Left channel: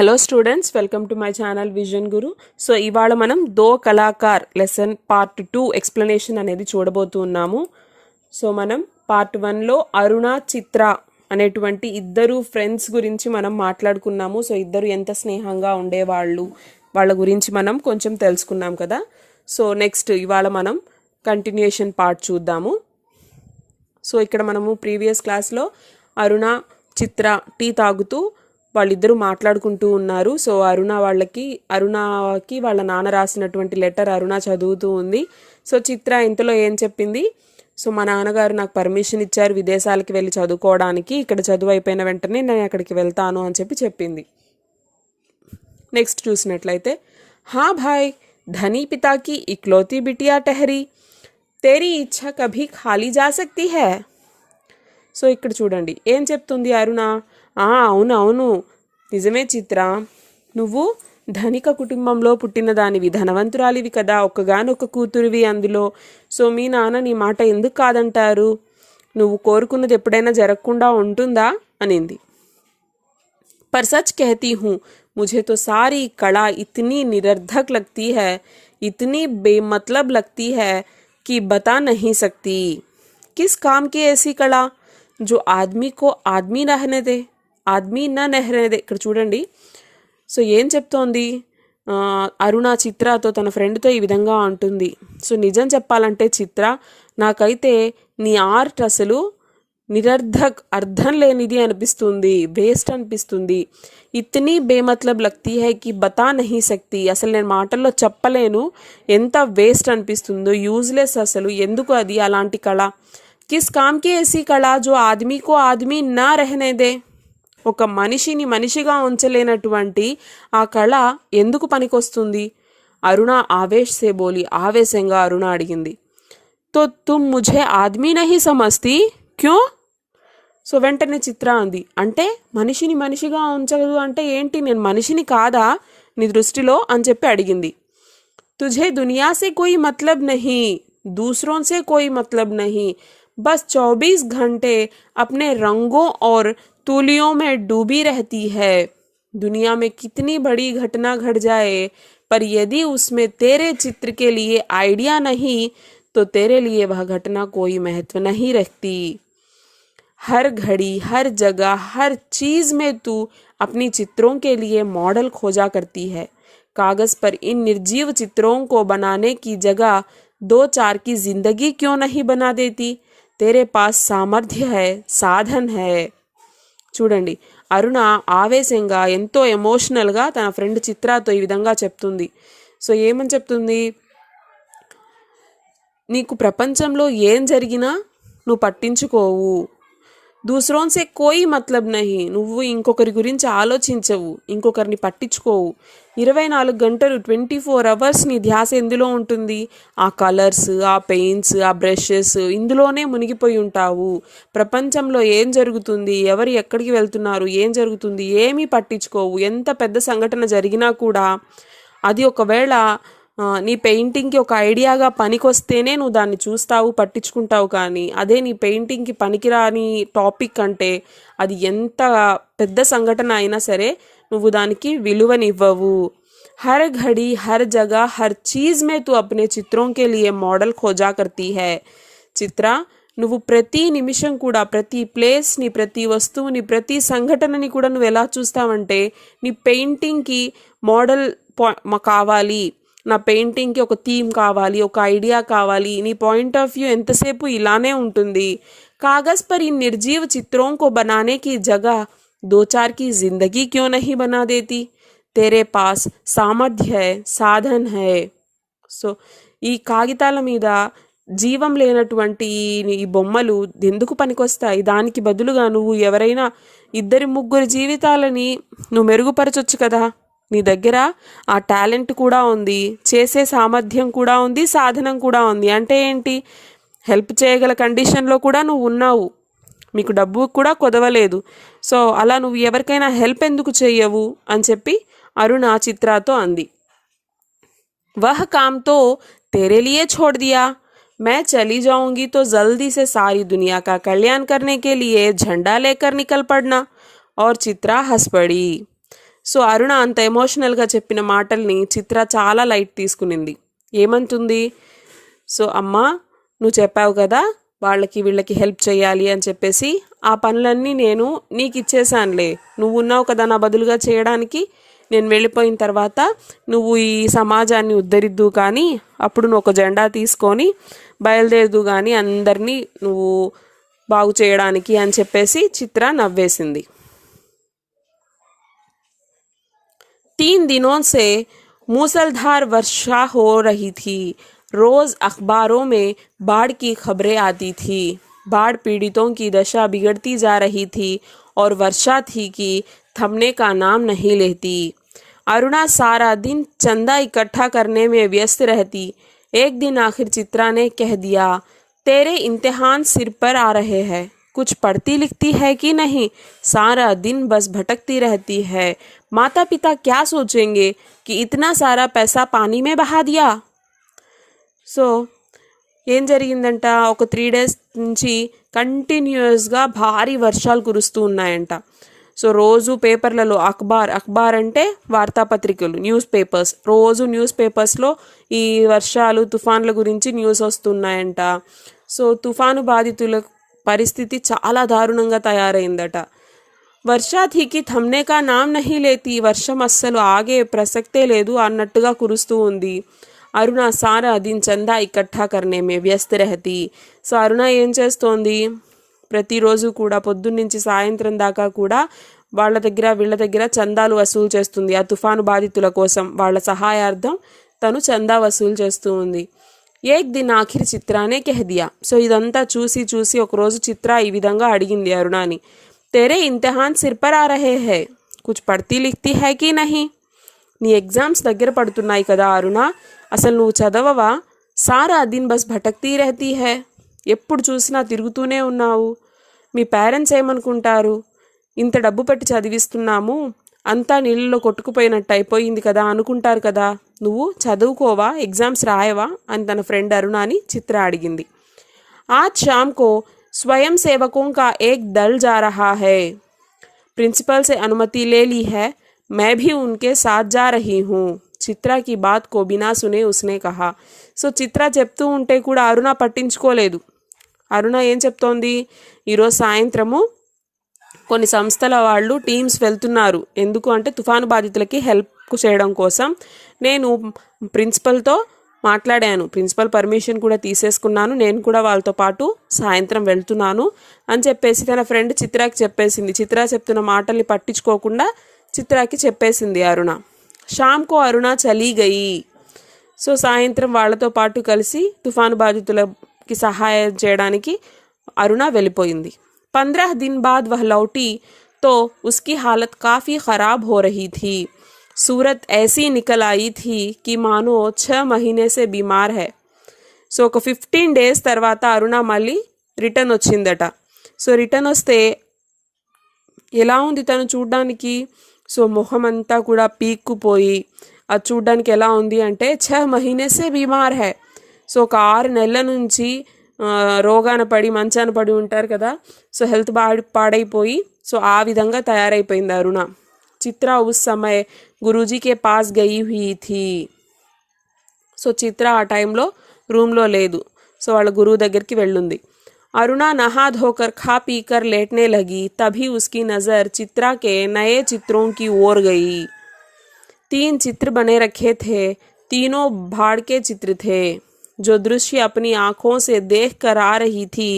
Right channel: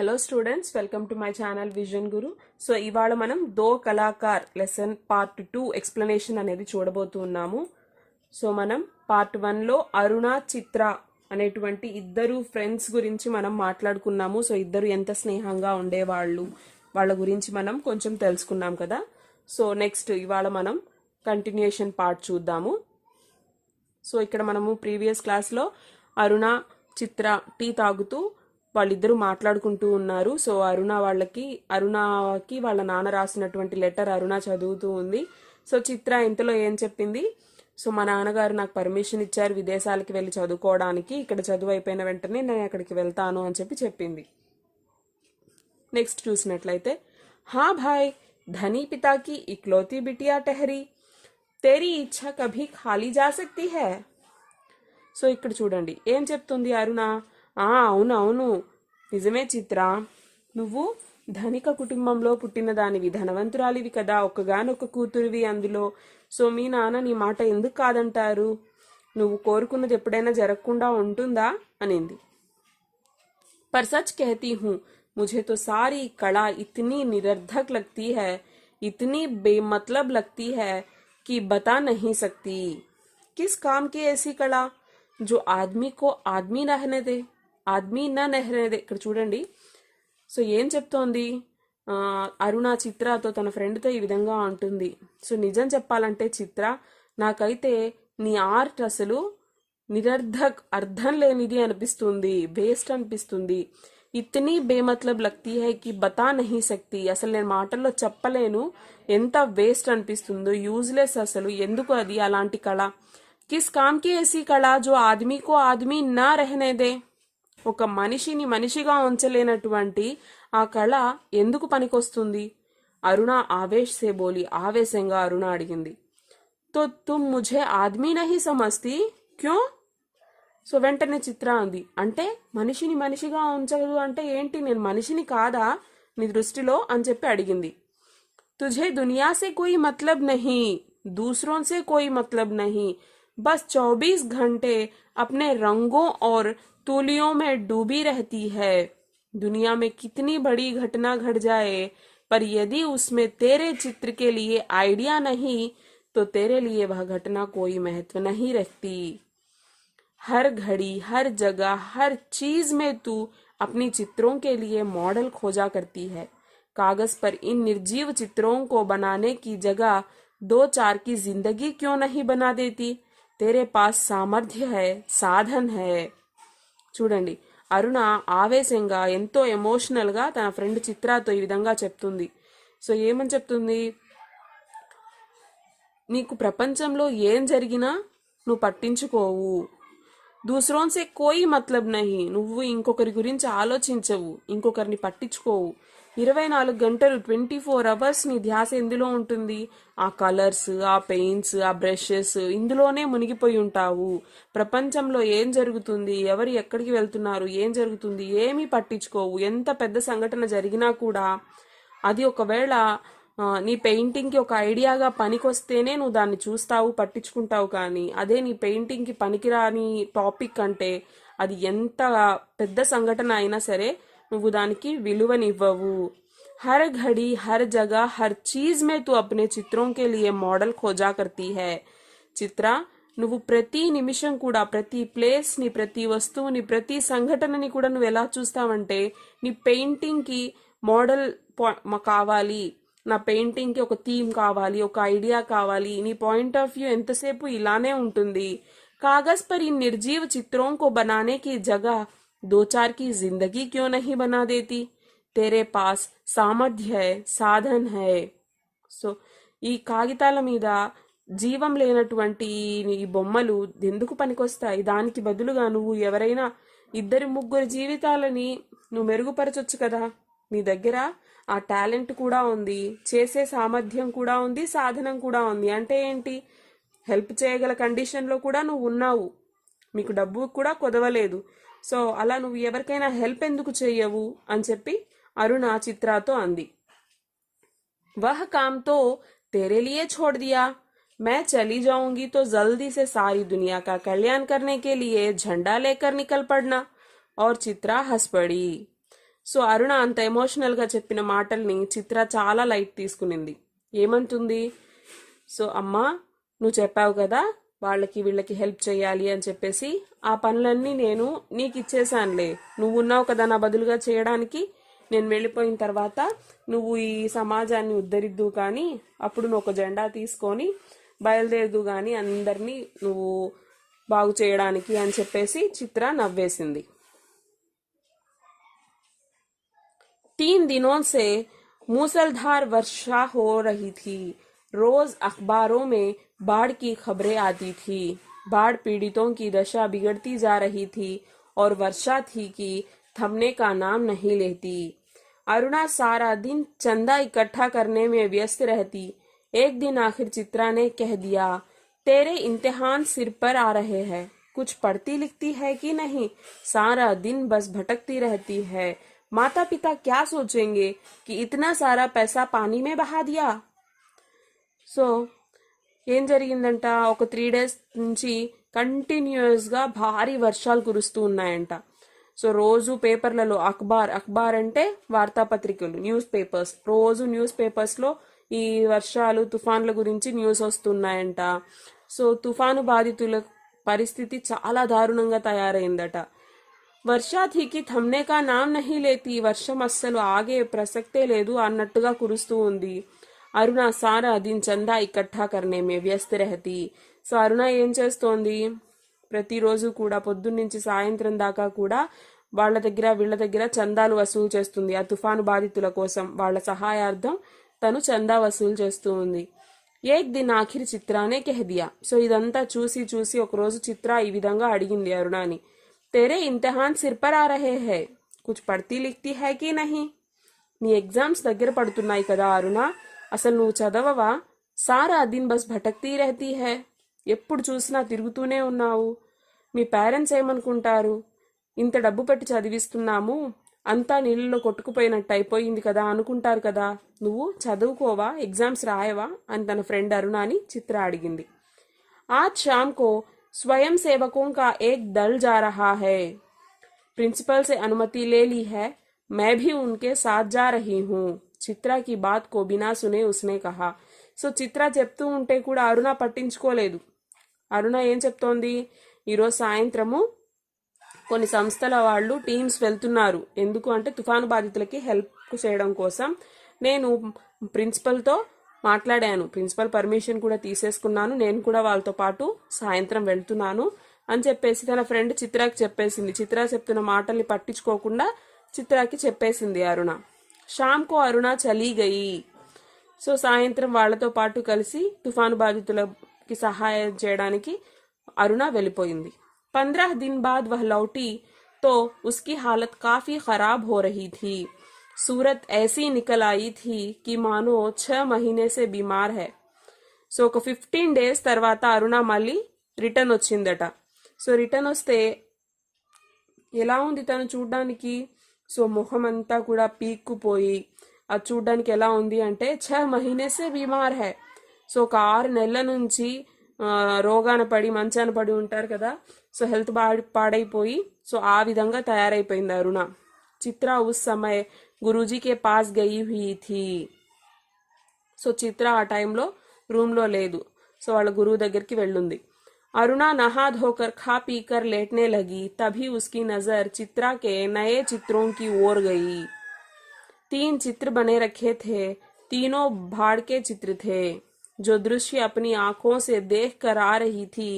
Hello students, welcome to my channel vision Guru. So ఇవాళ మనం దో Kalakar lesson part 2 explanation అనేది చూడబోతున్నాము. సో మనం పార్ట్ 1లో అరుణ, చిత్ర అనేటువంటి ఇద్దరు ఫ్రెండ్స్ గురించి మనం మాట్లాడుకున్నాము. సో ఇద్దరు ఎంత స్నేహంగా ఉండేవాళ్ళు, వాళ్ళ గురించి మనం కొంచెం తెలుసుకున్నాం కదా. సో నెక్స్ట్ ఇవాళ మనం కంటిన్యూషన్ పార్ట్ చూద్దాము. సో ఇక్కడ మనము ప్రీవియస్ క్లాస్లో అరుణ, చిత్ర టీ తాగుతూ వాళ్ళిద్దరూ మాట్లాడుకుంటూ ఉన్నారు. సో అరుణకి వాళ్ళ నాన్న రాసినటువంటి లెటర్ అరుణ చదువుతూ ఉంది. సో చిత్ర ఇంతలో ఏం చెప్పింది, సో మా నాన్నగారు నాకు పర్మిషన్ ఇచ్చారు విదేశాలకి వెళ్ళి చదువుకోవడానికి, ఇక్కడ చదువు అయిపోయిన వెంటనే నేను అక్కడికి వెళ్తాను అని చెప్పింది. నెక్స్ట్ చూసినట్లయితే, హా భాయ్, ధనీ పితాకి ఇక్లోతి బిటియా టహరీ, తేరీ ఇచ్ఛా కభీ ఖాళీ జా సక్తి హై. సో ఇక్కడ చూడండి ఏం చెప్తుంది అరుణ. అవును నిజమే చిత్ర, నువ్వు ధనిక కుటుంబంలో పుట్టిన దానివి, ధనవంతురాలివి కదా, ఒక్కగానొక్క కూతురివి అందులో. సో మీ నాన్న నీ మాట ఎందుకు కాదంటారు, నువ్వు కోరుకున్నది ఎప్పుడైనా జరగకుండా ఉంటుందా అనింది. पर सच कहती हूँ, मुझे तो सारी कला इतनी निरर्थक लगती है, इतनी बेमतलब लगती है कि बता नहीं सकती. किस काम की ऐसी कला जो आदमी को आदमी रहने दे, ఆద్మీ నా నెహ్రేదే. ఇక్కడ చూడండి, సో ఏం చెప్తోంది అరుణ చిత్రతో, తన ఫ్రెండ్తో ఈ విధంగా అంటుంది. సో నిజం చెప్పాలంటే చిత్ర, నాకైతే నీ ఆర్ట్ అసలు నిరర్ధక్, అర్థం లేనిది అనిపిస్తుంది, వేస్ట్ అనిపిస్తుంది. ఇతనీ బేమత్లబ్ లగ్తీ హై కి బతా నహీ సక్తి, అసలు నేను మాటల్లో చెప్పలేను ఎంత వేస్ట్ అనిపిస్తుందో, యూజ్లెస్, అసలు ఎందుకు అది అలాంటి కళ. కిస్ కామ్కి ఏసీ కళ జో ఆద్మీకో ఆద్మీ నా రహనేదే, ఒక మనిషిని మనిషిగా ఉంచలేనటువంటి ఆ కళ ఎందుకు పనికొస్తుంది. అరుణ ఆవేశ్ సే బోలి, ఆవేశంగా అరుణ అడిగింది. తో తుమ్ ముఝే ఆద్మీ నహీ సమజ్తీ క్యూ. సో వెంటనే చిత్ర అంది, అంటే మనిషిని మనిషిగా ఉంచదు అంటే ఏంటి, నేను మనిషిని కాదా నీ దృష్టిలో అని అడిగింది. తుఝే దునియా సే కోయి మతलब नहीं, दूसरों से कोई मतलब नहीं, बस 24 घंटे अपने रंगों और तूलियों में डूबी रहती है. दुनिया में कितनी बड़ी घटना घट जाए, पर यदि उसमें तेरे चित्र के लिए आइडिया नहीं तो तेरे लिए वह घटना कोई महत्व नहीं रखती. हर घड़ी, हर जगह, हर चीज में तू अपनी चित्रों के लिए मॉडल खोजा करती है. कागज पर इन निर्जीव चित्रों को बनाने की जगह 2-4 की जिंदगी क्यों नहीं बना देती. तेरे पास सामर्थ्य है, साधन है. చూడండి, అరుణ ఆవేశంగా, ఎంతో ఎమోషనల్గా తన ఫ్రెండ్ చిత్రతో ఈ విధంగా చెప్తుంది. సో ఏమని చెప్తుంది, నీకు ప్రపంచంలో ఏం జరిగినా నువ్వు పట్టించుకోవు. దూసరోన్సే కోయి మతలబ్ నహి, నువ్వు ఇంకొకరి గురించి ఆలోచించవు, ఇంకొకరిని పట్టించుకోవు. 24 గంటలు 24 అవర్స్ నీ ధ్యాస ఎందులో ఉంటుంది, ఆ కలర్స్, ఆ పెయింట్స్, ఆ బ్రషెస్, ఇందులోనే మునిగిపోయి ఉంటావు. ప్రపంచంలో ఏం జరుగుతుంది, ఎవరు ఎక్కడికి వెళ్తున్నారు, ఏం జరుగుతుంది ఏమీ పట్టించుకోవు. ఎంత పెద్ద సంఘటన జరిగినా కూడా అది ఒకవేళ నీ పెయింటింగ్కి ఒక ఐడియాగా పనికొస్తేనే నువ్వు దాన్ని చూస్తావు, పట్టించుకుంటావు. కానీ అదే నీ పెయింటింగ్కి పనికిరాని టాపిక్ అంటే అది ఎంత పెద్ద సంఘటన అయినా సరే నువ్వు దానికి విలువనివ్వవు. హర్ ఘడి, హర్ జగह, హర్ చీజ్ మే తూ అప్నే చిత్రోं के लिए మోడల్ ఖోజా కర్తీ హై. చిత్ర, నువ్వు ప్రతి నిమిషం కూడా, ప్రతి ప్లేస్ని, ప్రతి వస్తువుని, ప్రతి సంఘటనని కూడా నువ్వు ఎలా చూస్తావంటే, నీ పెయింటింగ్కి మోడల్ కావాలి, నా పెయింటింగ్కి ఒక థీమ్ కావాలి, ఒక ఐడియా కావాలి, నీ పాయింట్ ఆఫ్ వ్యూ ఎంతసేపు ఇలానే ఉంటుంది. కాగజ్ పర్ ఇన్ నిర్జీవ చిత్రోं को बनाने की जगह 2-4 की जिंदगी क्यों नहीं बना देती. तेरे पास सामर्थ्य है, సాధన్ है. సో ఈ కాగితాల మీద జీవం లేనటువంటి ఈ బొమ్మలు ఎందుకు పనికొస్తాయి, దానికి బదులుగా నువ్వు ఎవరైనా 2-3 జీవితాలని నువ్వు మెరుగుపరచొచ్చు కదా. నీ దగ్గర ఆ టాలెంట్ కూడా ఉంది, చేసే సామర్థ్యం కూడా ఉంది, సాధనం కూడా ఉంది. అంటే ఏంటి, హెల్ప్ చేయగల కండిషన్లో కూడా నువ్వు ఉన్నావు, మీకు డబ్బు కూడా కొదవలేదు. సో అలా నువ్వు ఎవరికైనా హెల్ప్ ఎందుకు చెయ్యవు అని అరుణ చిత్రతో అంది. వహ్ కామ్ తో तेरे लिए छोड़ दिया, मैं चली जाऊंगी तो जल्दी से सारी दुनिया का कल्याण करने के लिए झंडा लेकर निकल पड़ना. और चित्रा हंस पड़ी. సో అరుణ అంత ఎమోషనల్గా చెప్పిన మాటల్ని చిత్ర చాలా లైట్ తీసుకునింది. ఏమంటుంది, సో అమ్మా నువ్వు చెప్పావు కదా వాళ్ళకి వీళ్ళకి హెల్ప్ చేయాలి అని చెప్పేసి, ఆ పనులన్నీ నేను నీకు ఇచ్చేసానులే, నువ్వు ఉన్నావు కదా నా బదులుగా చేయడానికి, నేను వెళ్ళిపోయిన తర్వాత నువ్వు ఈ సమాజాన్ని ఉద్ధరిద్దు కానీ అప్పుడు నువ్వు ఒక జెండా తీసుకొని బయలుదేరదు కానీ అందరినీ నువ్వు బాగు చేయడానికి అని చెప్పేసి చిత్ర నవ్వేసింది. 3 दिनों से मूसलधार वर्षा हो रही थी। रोज़ अखबारों में बाढ़ की खबरें आती थी। बाढ़ पीड़ितों की दशा बिगड़ती जा रही थी और वर्षा थी कि थमने का नाम नहीं लेती। अरुणा सारा दिन चंदा इकट्ठा करने में व्यस्त रहती। एक दिन आखिर चित्रा ने कह दिया, तेरे इम्तिहान सिर पर आ रहे हैं, कुछ पढ़ती लिखती है कि नहीं, सारा दिन बस भटकती रहती है, माता पिता क्या सोचेंगे कि इतना सारा पैसा पानी में बहा दिया। సో ఏం జరిగిందంట, ఒక 3 days నుంచి కంటిన్యూస్గా భారీ వర్షాలు కురుస్తూ ఉన్నాయంట. సో రోజు పేపర్లలో అఖబార్ అంటే వార్తాపత్రికలు, న్యూస్ పేపర్స్, రోజు న్యూస్ పేపర్స్లో ఈ వర్షాలు తుఫాన్ల గురించి న్యూస్ వస్తున్నాయంట. సో తుఫాను బాధితుల పరిస్థితి చాలా దారుణంగా తయారైందట. వర్షా థీకి థమ్నే కా నామ్ నహీ లేతి, వర్షం అస్సలు ఆగే ప్రసక్తే లేదు అన్నట్టుగా కురుస్తూ ఉంది. అరుణ సారా దిన్ చందా ఇకట్టా కర్నే మే వ్యస్త రహతి. సో అరుణ ఏం చేస్తోంది, ప్రతిరోజు కూడా పొద్దున్నుంచి సాయంత్రం దాకా కూడా వీళ్ళ దగ్గర చందాలు వసూలు చేస్తుంది. ఆ తుఫాను బాధితుల కోసం వాళ్ళ సహాయార్థం తను చందా వసూలు చేస్తూ ఉంది. ఏక్ దిన్ ఆఖిర్ చిత్రానే కెహదియా. సో ఇదంతా చూసి ఒకరోజు చిత్ర ఈ విధంగా అడిగింది అరుణాని, तेरे इम्तिहान सिर पर आ रहे हैं, कुछ पढ़ती लिखती है कि नहीं. నీ ఎగ్జామ్స్ దగ్గర పడుతున్నాయి కదా అరుణ, అసలు నువ్వు చదవవా, సారా దిన్ బస్ భటక్తీ రహతీ హై, ఎప్పుడు చూసినా తిరుగుతూనే ఉన్నావు, మీ పేరెంట్స్ ఏమనుకుంటారు, ఇంత డబ్బు పెట్టి చదివిస్తున్నాము అంతా నీళ్ళలో కొట్టుకుపోయినట్టు అయిపోయింది కదా అనుకుంటారు కదా, నువ్వు చదువుకోవా, ఎగ్జామ్స్ రాయవా అని తన ఫ్రెండ్ అరుణాని చిత్ర అడిగింది. आज शाम को स्वयं सेवकों का एक दल जा रहा है, प्रिंसिपल से अनुमति ले ली है, मैं भी उनके साथ जा रही हूँ. చిత్ర की बात को बिना सुने उसने कहा. సో చిత్ర చెప్తూ ఉంటే కూడా అరుణ పట్టించుకోలేదు. అరుణ ఏం చెప్తోంది, ఈరోజు సాయంత్రము కొన్ని సంస్థల వాళ్ళు టీమ్స్ వెళ్తున్నారు, ఎందుకు అంటే తుఫాను బాధితులకి హెల్ప్ చేయడం కోసం. నేను ప్రిన్సిపల్తో మాట్లాడాను, ప్రిన్సిపల్ పర్మిషన్ కూడా తీసేసుకున్నాను, నేను కూడా వాళ్ళతో పాటు సాయంత్రం వెళ్తున్నాను అని చెప్పేసి తన ఫ్రెండ్ చిత్రాకి చెప్పేసింది. చిత్ర చెప్తున్న మాటల్ని పట్టించుకోకుండా చిత్రాకి చెప్పేసింది అరుణ. షామ్కో అరుణ చలీ గయి. సో సాయంత్రం వాళ్ళతో పాటు కలిసి తుఫాను బాధితులకి సహాయం చేయడానికి అరుణ వెళ్ళిపోయింది. 15 दिन बाद वह लौटी तो उसकी हालत काफ़ी ख़राब हो रही थी. सूरत ऐसी निकल आई थी कि मानो 6 महीने से बीमार है. సో ఒక 15 days తర్వాత అరుణ మళ్ళీ రిటర్న్ వచ్చిందట. సో రిటర్న్ వస్తే ఎలా ఉంది తను చూడ్డానికి, సో మొహం అంతా కూడా పీక్కుపోయి, అది చూడ్డానికి ఎలా ఉంది అంటే 6 మహీనే సే బీమార్ హై. సో ఒక 6 నెలల నుంచి రోగాన పడి మంచాన పడి ఉంటారు కదా, సో హెల్త్ పాడైపోయి సో ఆ విధంగా తయారైపోయింది అరుణ. చిత్ర ఉస్ సమయ గురూజీకే పాస్ గయి హుయి థీ. సో చిత్ర ఆ టైంలో రూమ్లో లేదు, సో వాళ్ళ గురువు దగ్గరికి వెళ్ళుంది. अरुणा नहा धोकर खा पीकर लेटने लगी, तभी उसकी नज़र चित्रा के नए चित्रों की ओर गई. 3 चित्र बने रखे थे, तीनों भाड़ के चित्र थे. जो दृश्य अपनी आँखों से देख कर आ रही थी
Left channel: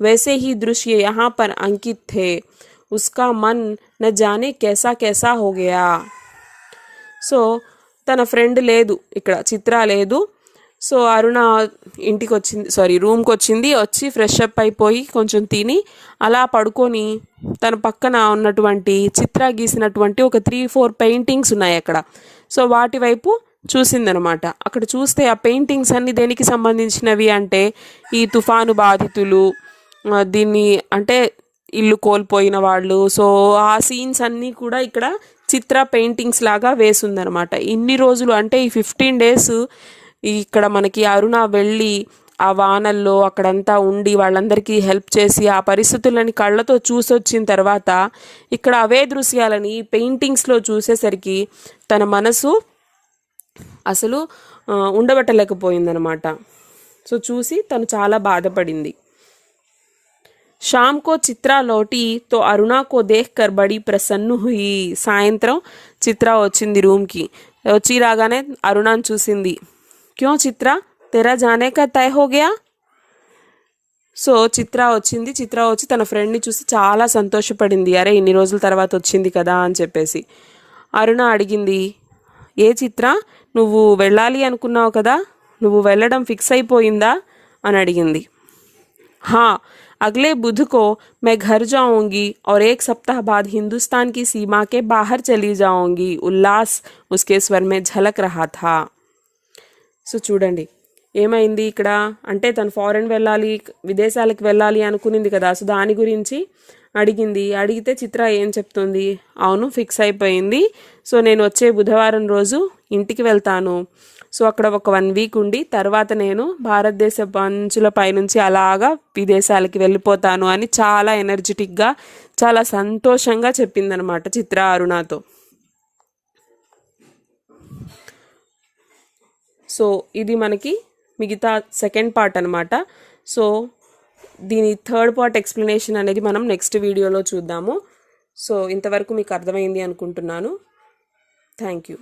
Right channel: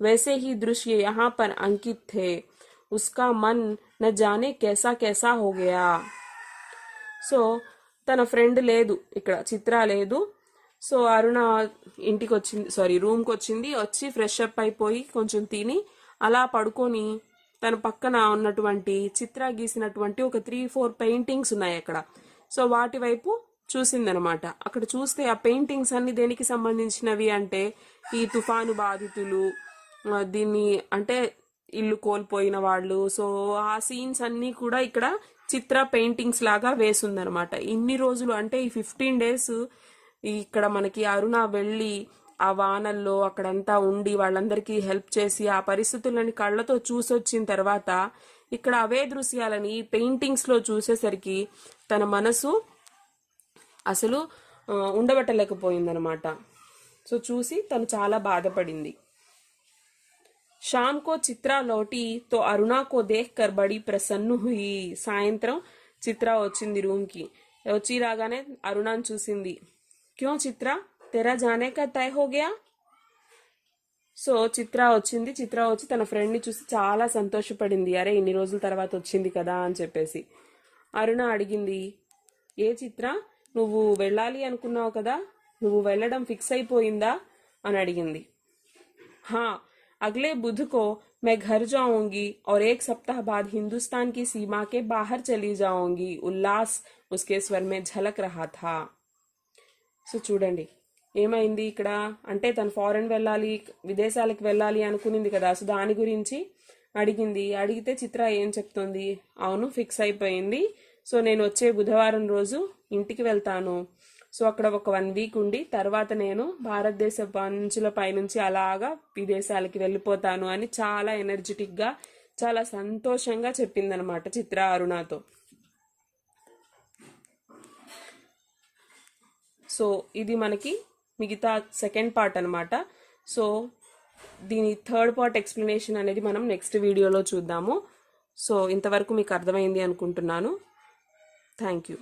वैसे ही दृश्य यहाँ पर अंकित थे. उसका मन न जाने कैसा कैसा हो गया. సో తన ఫ్రెండ్ లేదు ఇక్కడ, చిత్ర లేదు. సో అరుణ ఇంటికి వచ్చింది, రూమ్కి వచ్చింది. వచ్చి ఫ్రెష్ అప్ అయిపోయి కొంచెం తిని అలా పడుకొని తన పక్కన ఉన్నటువంటి చిత్ర గీసినటువంటి ఒక 3-4 పెయింటింగ్స్ ఉన్నాయి అక్కడ. సో వాటి వైపు చూసిందనమాట. అక్కడ చూస్తే ఆ పెయింటింగ్స్ అన్నీ దేనికి సంబంధించినవి అంటే ఈ తుఫాను బాధితులు, దీన్ని అంటే ఇల్లు కోల్పోయిన వాళ్ళు, సో ఆ సీన్స్ అన్నీ కూడా ఇక్కడ చిత్ర పెయింటింగ్స్ లాగా వేసుందనమాట. ఇన్ని రోజులు అంటే ఈ 15 days ఇక్కడ మనకి అరుణ వెళ్ళి ఆ వానల్లో అక్కడంతా ఉండి వాళ్ళందరికీ హెల్ప్ చేసి ఆ పరిస్థితులని కళ్ళతో చూసొచ్చిన తర్వాత ఇక్కడ అవే దృశ్యాలని పెయింటింగ్స్లో చూసేసరికి తన మనసు అసలు ఉండబట్టలేకపోయిందనమాట. సో చూసి తను చాలా బాధపడింది. शाम को चित्रा लौटी तो अरुणा को देखकर बड़ी प्रसन्न हुई. సాయంత్రం చిత్ర వచ్చింది రూమ్కి. వచ్చి రాగానే అరుణాని చూసింది. క్యో చిత్ర తెరా జానే కా తయ హో గయా. సో చిత్ర వచ్చింది. చిత్ర వచ్చి తన ఫ్రెండ్ని చూసి చాలా సంతోషపడింది. అరే ఇన్ని రోజుల తర్వాత వచ్చింది కదా అని చెప్పేసి. అరుణ అడిగింది, ఏ చిత్ర నువ్వు వెళ్ళాలి అనుకున్నావు కదా, నువ్వు వెళ్ళడం ఫిక్స్ అయిపోయిందా అని అడిగింది. హా अगले बुध को मैं घर जाऊंगी और 1 सप्ताह बाद हिंदुस्तान की सीमा के बाहर चली जाऊंगी. उल्लास उसके स्वर में झलक रहा था. సో చూడండి ఏమైంది ఇక్కడ అంటే తను ఫారెన్ వెళ్ళాలి, విదేశాలకు వెళ్ళాలి అనుకునింది కదా. సో దాని గురించి అడిగింది. అడిగితే చిత్ర ఏం చెప్తుంది, అవును ఫిక్స్ అయిపోయింది. సో నేను వచ్చే బుధవారం రోజు ఇంటికి వెళ్తాను. సో అక్కడ ఒక 1 వీక్ ఉండి తర్వాత నేను భారతదేశ అంచుల పైనుంచి అలాగా విదేశాలకి వెళ్ళిపోతాను అని చాలా ఎనర్జెటిక్గా చాలా సంతోషంగా చెప్పిందనమాట చిత్ర అరుణతో. సో ఇది మనకి మిగతా సెకండ్ పార్ట్ అనమాట. సో దీని థర్డ్ పార్ట్ ఎక్స్ప్లెనేషన్ అనేది మనం నెక్స్ట్ వీడియోలో చూద్దాము. సో ఇంతవరకు మీకు అర్థమైంది అనుకుంటున్నాను. Thank you.